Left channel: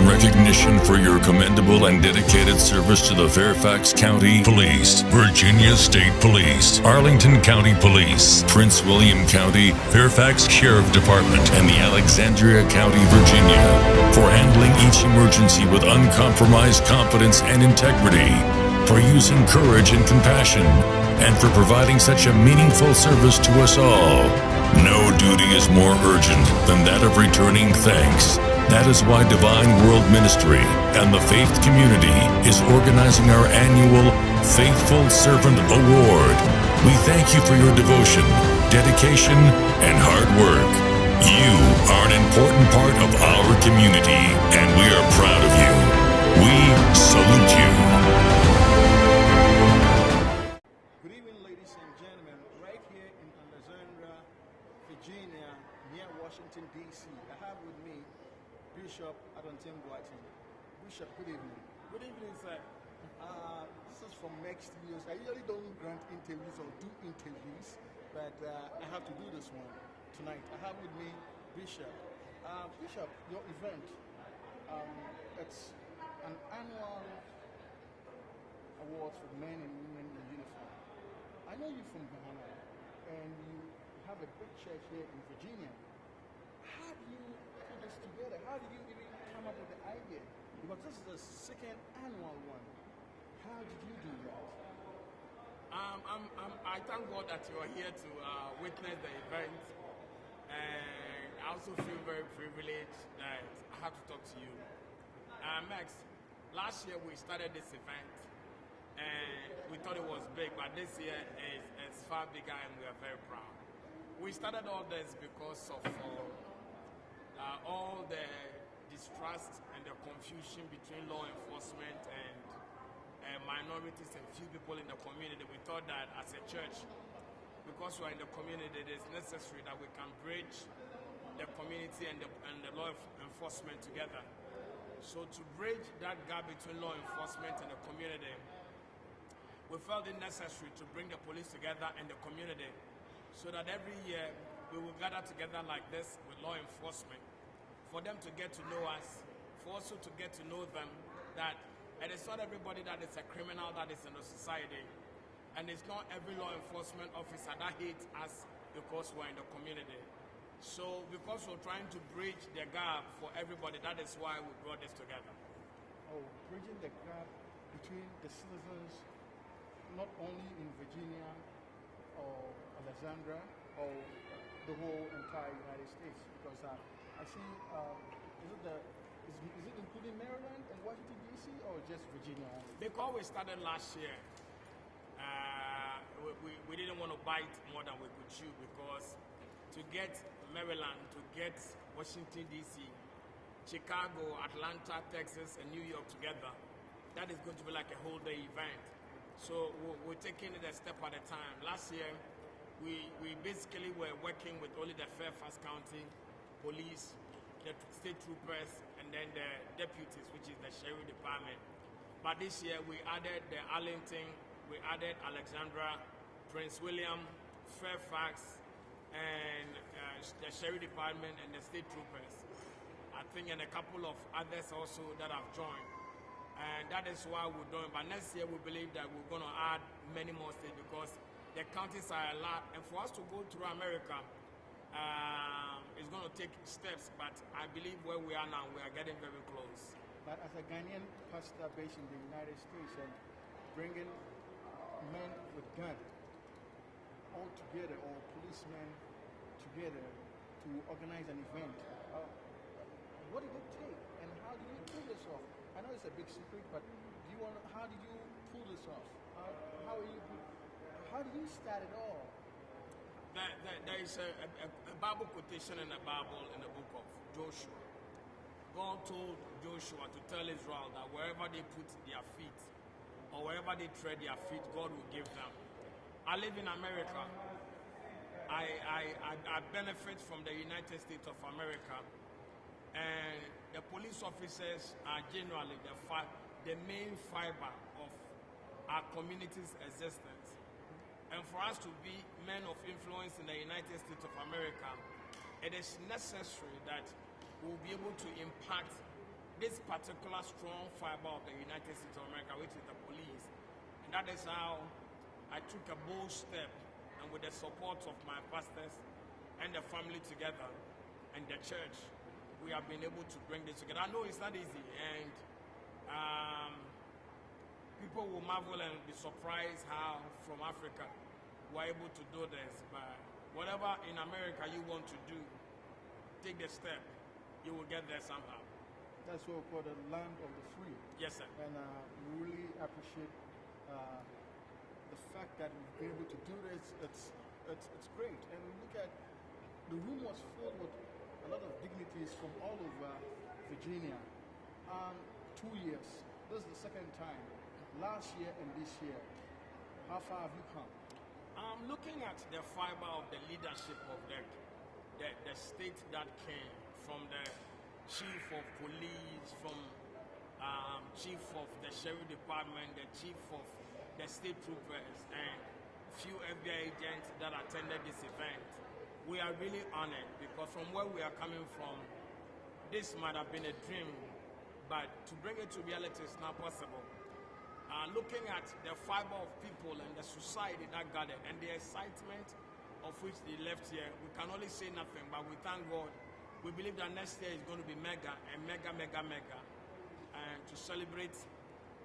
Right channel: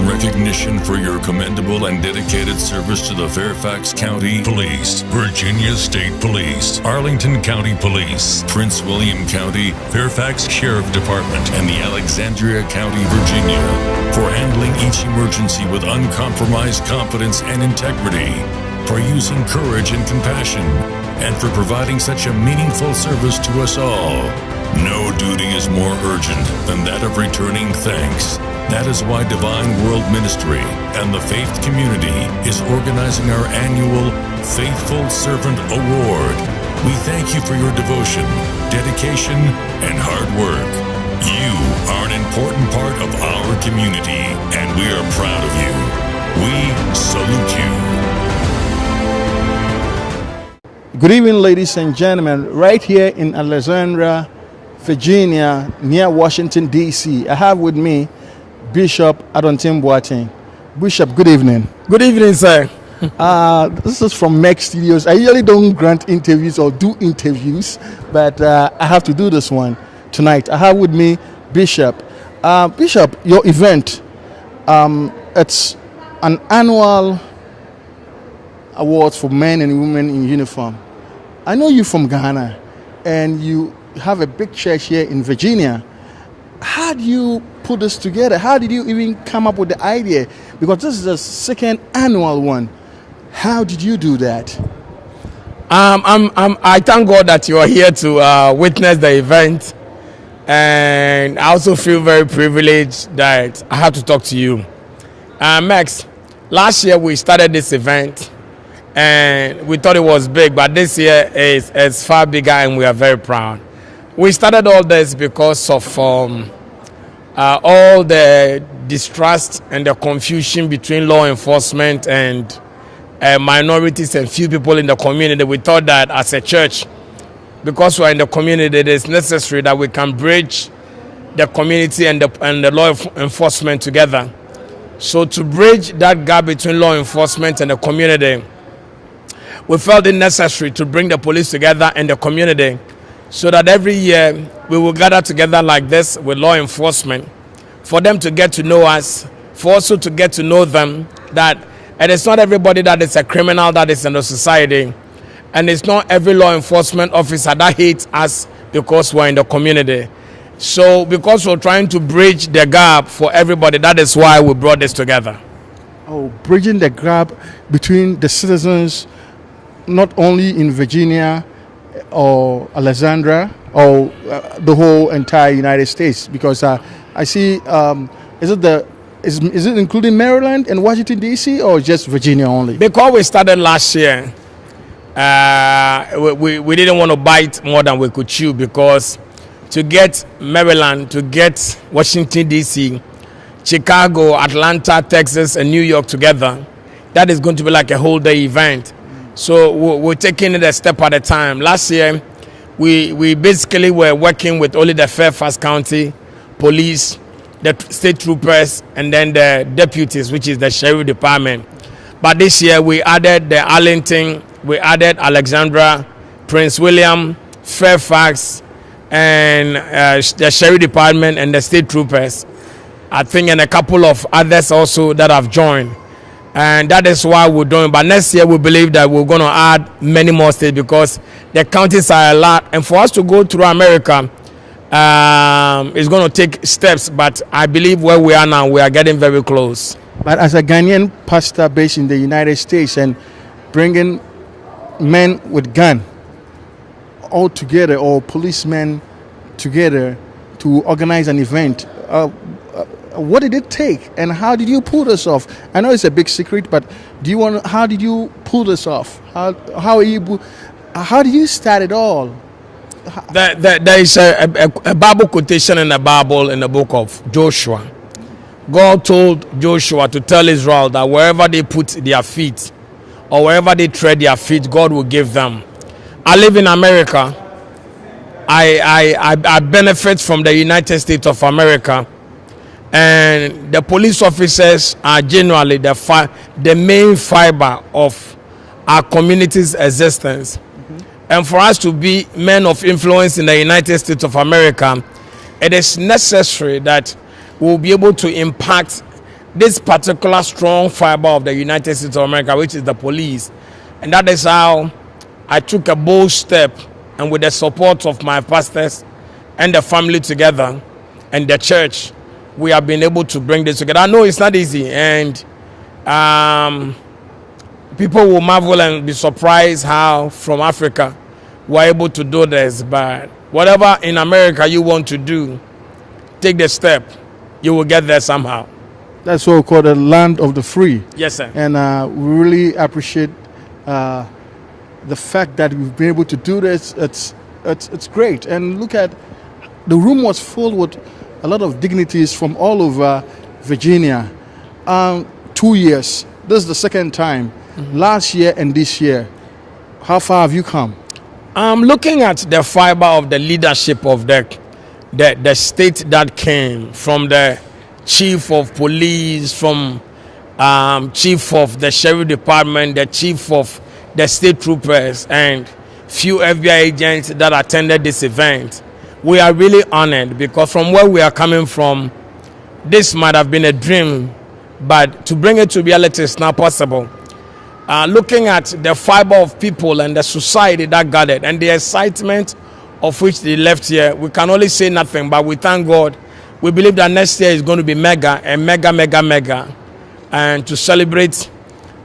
earn recognition for your commendable and dedicated service to the Fairfax County Police, Virginia State Police, Arlington County Police, Prince William County, Fairfax Sheriff Department, and the Alexandria County, Virginia, for handling each emergency with uncompromised confidence and integrity, for using courage and compassion, and for providing such a meaningful service to us all. No duty is more urgent than that of returning thanks. That is why Divine World Ministry and the Faith Community is organizing our annual Faithful Servant Award. We thank you for your devotion, dedication, and hard work. You are an important part of our community, and we are proud of you. We salute you. Good evening, ladies and gentlemen. Right here in Alexandria, Virginia, near Washington, D.C., I have with me Bishop Adonteng Boateng. Bishop, good evening. Good evening, sir. This is from Mexx Studios. I usually don't grant interviews or do interviews, but I have to do this one tonight. I have with me Bishop. Bishop, your event, it's an annual awards for men and women in uniform. I know you're from Ghana, and you have a big church here in Virginia. How do you put this together? How did you even come up with the idea? Because this is the second annual one. How did you do that? I thank God that you are here to witness the event, and I also feel very privileged that I have to talk to you. Mexx, last year we started this event, and we thought it was big, but this year is far bigger, and we are very proud. We started all this because of all the distrust and the confusion between law enforcement and minorities and few people in the community. We thought that as a church, because we are in the community, it is necessary that we can bridge the community and the law enforcement together. So to bridge that gap between law enforcement and the community, we felt it necessary to bring the police together and the community, so that every year we will gather together like this with law enforcement, for them to get to know us, for also to get to know them, that it is not everybody that is a criminal that is in the society, and it's not every law enforcement officer that hates us because we're in the community. So because we're trying to bridge the gap for everybody, that is why we brought this together. Oh, bridging the gap between the citizens, not only in Virginia or Alexandria or the whole entire United States, because I see is it including Maryland and Washington D.C. or just Virginia only? Because we started last year, we didn't want to bite more than we could chew, because to get Maryland, to get Washington D.C., Chicago, Atlanta, Texas, and New York together, that is going to be like a whole day event. So we're taking it a step at a time. Last year, we basically were working with only the Fairfax County Police, the state troopers, and then the deputies, which is the Sheriff Department. But this year, we added the Arlington, we added Alexandria, Prince William, Fairfax, and the Sheriff Department and the state troopers. I think, and a couple of others also that have joined. And that is why we're doing. But next year, we believe that we're going to add many more states, because the counties are a lot. And for us to go through America, it's going to take steps. But I believe where we are now, we are getting very close. But as a Ghanaian pastor based in the United States and bringing men with gun all together, or policemen together to organize an event, what did it take, and how did you pull this off? I know it's a big secret, but how did you pull this off? How did you start it all? There is a Bible quotation in the Bible, in the book of Joshua. God told Joshua to tell Israel that wherever they put their feet, or wherever they tread their feet, God will give them. I live in America. I benefit from the United States of America. And the police officers are generally the main fiber of our community's existence. Mm-hmm. And for us to be men of influence in the United States of America, it is necessary that we'll be able to impact this particular strong fiber of the United States of America, which is the police. And that is how I took a bold step, and with the support of my pastors and the family together and the church, we have been able to bring this together. I know it's not easy, and people will marvel and be surprised how from Africa we're able to do this. But whatever in America you want to do, take the step, you will get there somehow. That's what we call the land of the free. Yes, sir. And we really appreciate the fact that we've been able to do this. It's great. And look at, the room was full with a lot of dignitaries from all over Virginia. 2 years. This is the second time. Last year and this year. How far have you come? Looking at the fiber of the leadership of the state that came from the chief of police, from chief of the sheriff department, the chief of the state troopers, and few FBI agents that attended this event. We are really honored, because from where we are coming from, this might have been a dream, but to bring it to reality is not possible. Looking at the fiber of people and the society that gathered and the excitement of which they left here, we can only say nothing, but we thank God. We believe that next year is going to be mega and mega, and to celebrate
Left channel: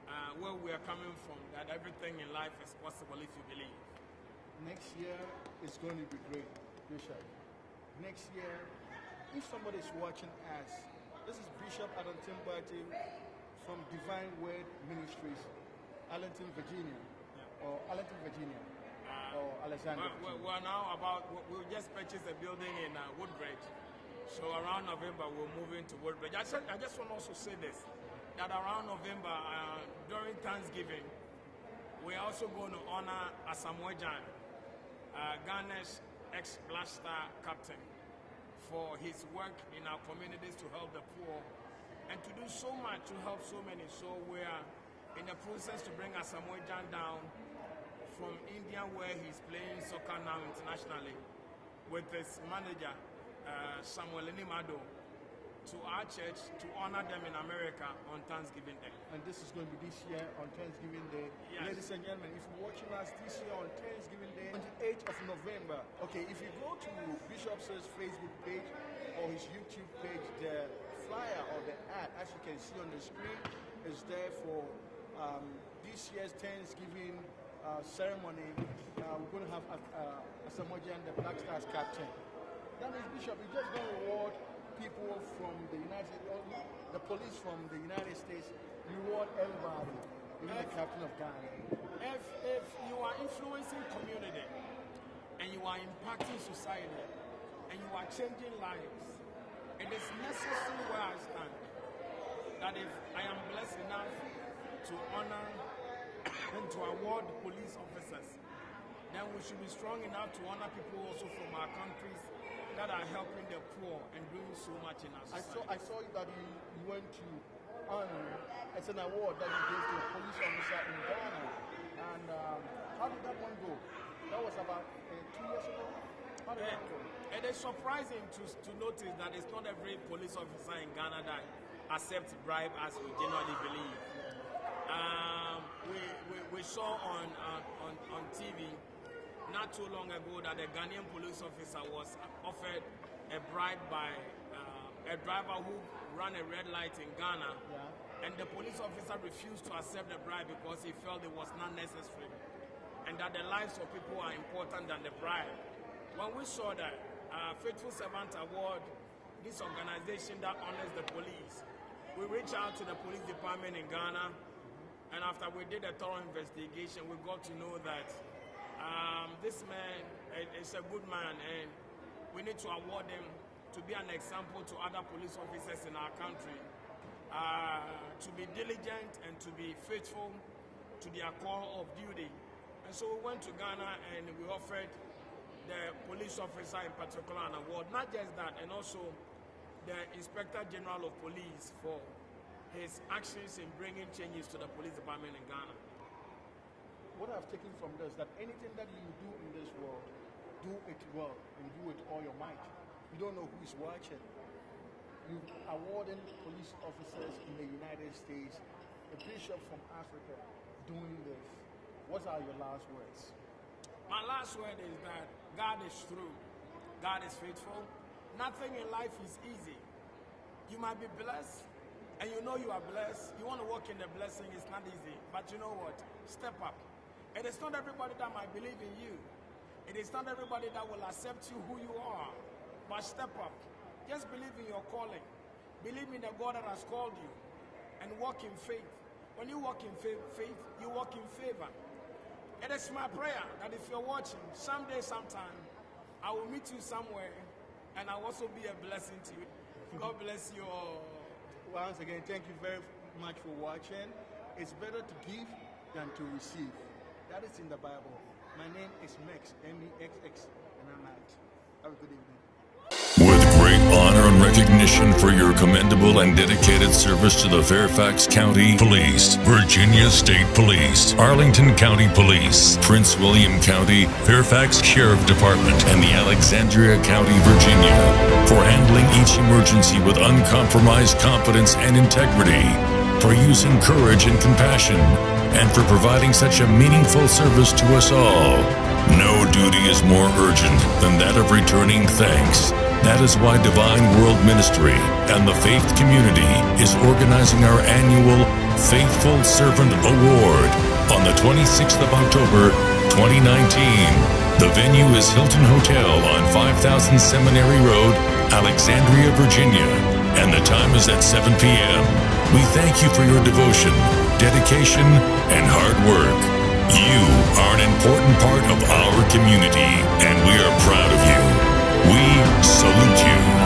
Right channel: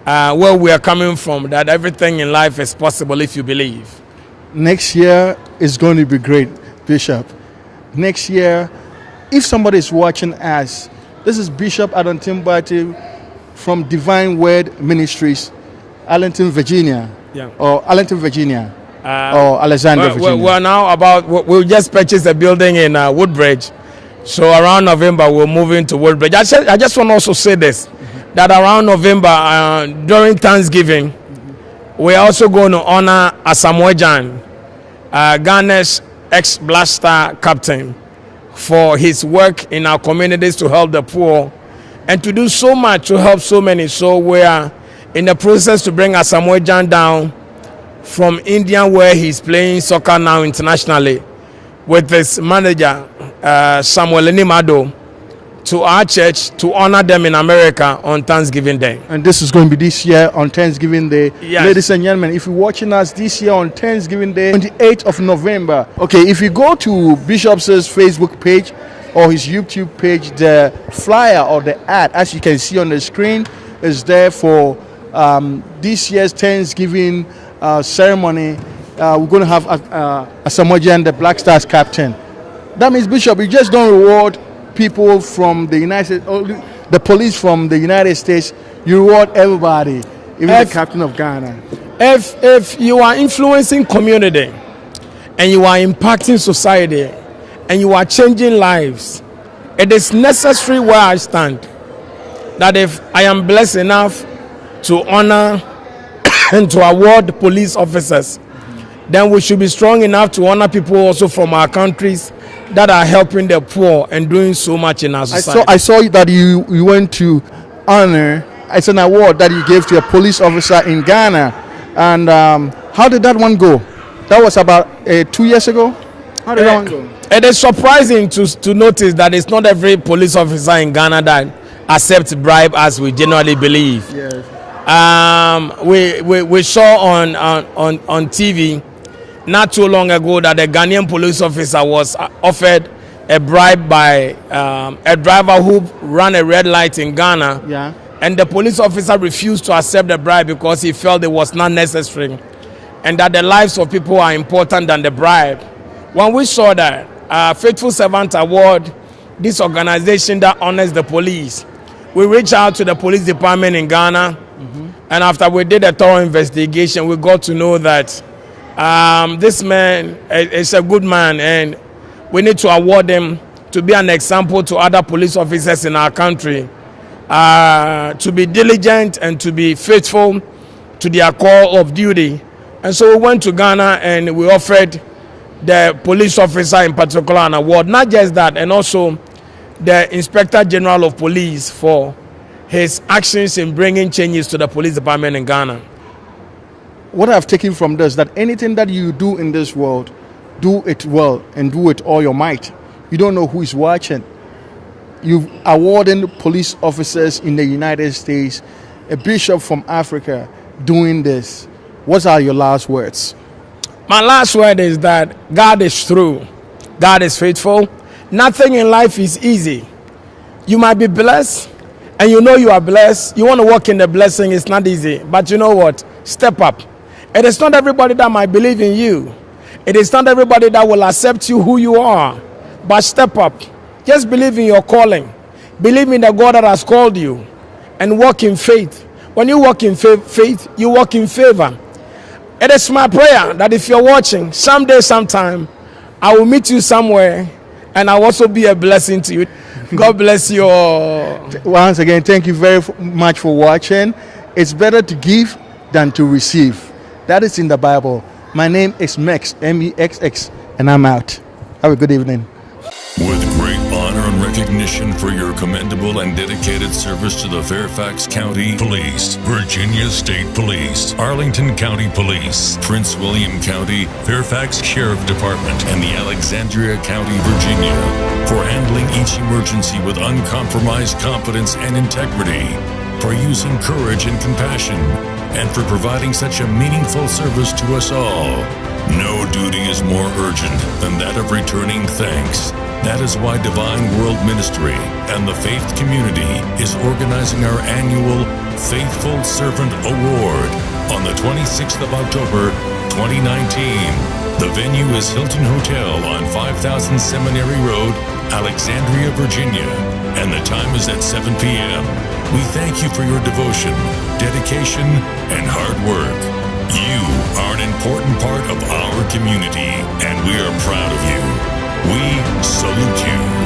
where we are coming from, that everything in life is possible if you believe. Next year is going to be great, Bishop. Next year, if somebody is watching us, this is Bishop Adonteng Boateng from Divine Word Ministries, Arlington, Virginia. Yeah. Or Arlington, Virginia. Or Alexander, Virginia. We're now we just purchased a building in Woodbridge. So around November, we're moving to Woodbridge. I just want to also say this, that around November, during Thanksgiving, we're also going to honor Asamoah Gyan, Ghana's ex-blaster captain, for his work in our communities to help the poor and to do so much to help so many. So we are in the process to bring Asamoah Gyan down from India, where he's playing soccer now internationally, with his manager, Samuel Nimado, to our church to honor them in America on Thanksgiving Day. And this is going to be this year on Thanksgiving Day. Yes. Ladies and gentlemen, if you're watching us this year on Thanksgiving Day, 28th of November. Okay, if you go to Bishop's Facebook page or his YouTube page, the flyer or the ad, as you can see on the screen, is there for this year's Thanksgiving ceremony. We're going to have Asamoah Gyan, the Black Stars captain. That means, Bishop, you just don't reward people from the United States, the police from the United States. You reward everybody, even the captain of Ghana. If you are influencing community and you are impacting society and you are changing lives, it is necessary where I stand that if I am blessed enough to honor and to award police officers, then we should be strong enough to honor people also from our countries that are helping the poor and doing so much in our society. I saw that you went to honor, it's an award that you gave to a police officer in Ghana. And how did that one go? That was about 2 years ago? How did that one go? It is surprising to notice that it's not every police officer in Ghana that accepts bribe as we generally believe. Yes. We saw on TV not too long ago that a Ghanaian police officer was offered a bribe by a driver who ran a red light in Ghana. Yeah. And the police officer refused to accept the bribe because he felt it was not necessary and that the lives of people are important than the bribe. When we saw that, Faithful Servant Award, this organization that honors the police, we reached out to the police department in Ghana. And after we did a thorough investigation, we got to know that this man is a good man, and we need to award him to be an example to other police officers in our country, to be diligent and to be faithful to their call of duty. And so we went to Ghana and we offered the police officer in particular an award. Not just that, and also the Inspector General of Police for his actions in bringing changes to the police department in Ghana. What I've taken from this, that anything that you do in this world, do it well and do it all your might. You don't know who is watching. you've awarding police officers in the United States, a bishop from Africa doing this. What are your last words? My last word is that God is true. God is faithful. Nothing in life is easy. You might be blessed, and you know you are blessed. You want to walk in the blessing, it's not easy. But you know what? Step up. It is not everybody that might believe in you. It is not everybody that will accept you who you are. But step up. Just believe in your calling. Believe in the God that has called you. And walk in faith. When you walk in faith, you walk in favor. It is my prayer that if you're watching, someday, sometime, I will meet you somewhere and I'll also be a blessing to you. God bless you all. Once again, thank you very much for watching. It's better to give than to receive. That is in the Bible. My name is Mexx, M-E-X-X, and I'm out. Have a good evening. With great honor and recognition for your commendable and dedicated service to the Fairfax County Police, Virginia State Police, Arlington County Police, Prince William County, Fairfax Sheriff Department, and the Alexandria County, Virginia, for handling each emergency with uncompromised confidence and integrity, for using courage and compassion, and for providing such a meaningful service to us all. No duty is more urgent than that of returning thanks. That is why Divine World Ministry and the Faith Community is organizing our annual Faithful Servant Award on the 26th of October, 2019. The venue is Hilton Hotel on 5000 Seminary Road, Alexandria, Virginia, and the time is at 7 p.m. We thank you for your devotion, dedication, and hard work. You are an important part of our community, and we are proud of you. We salute you.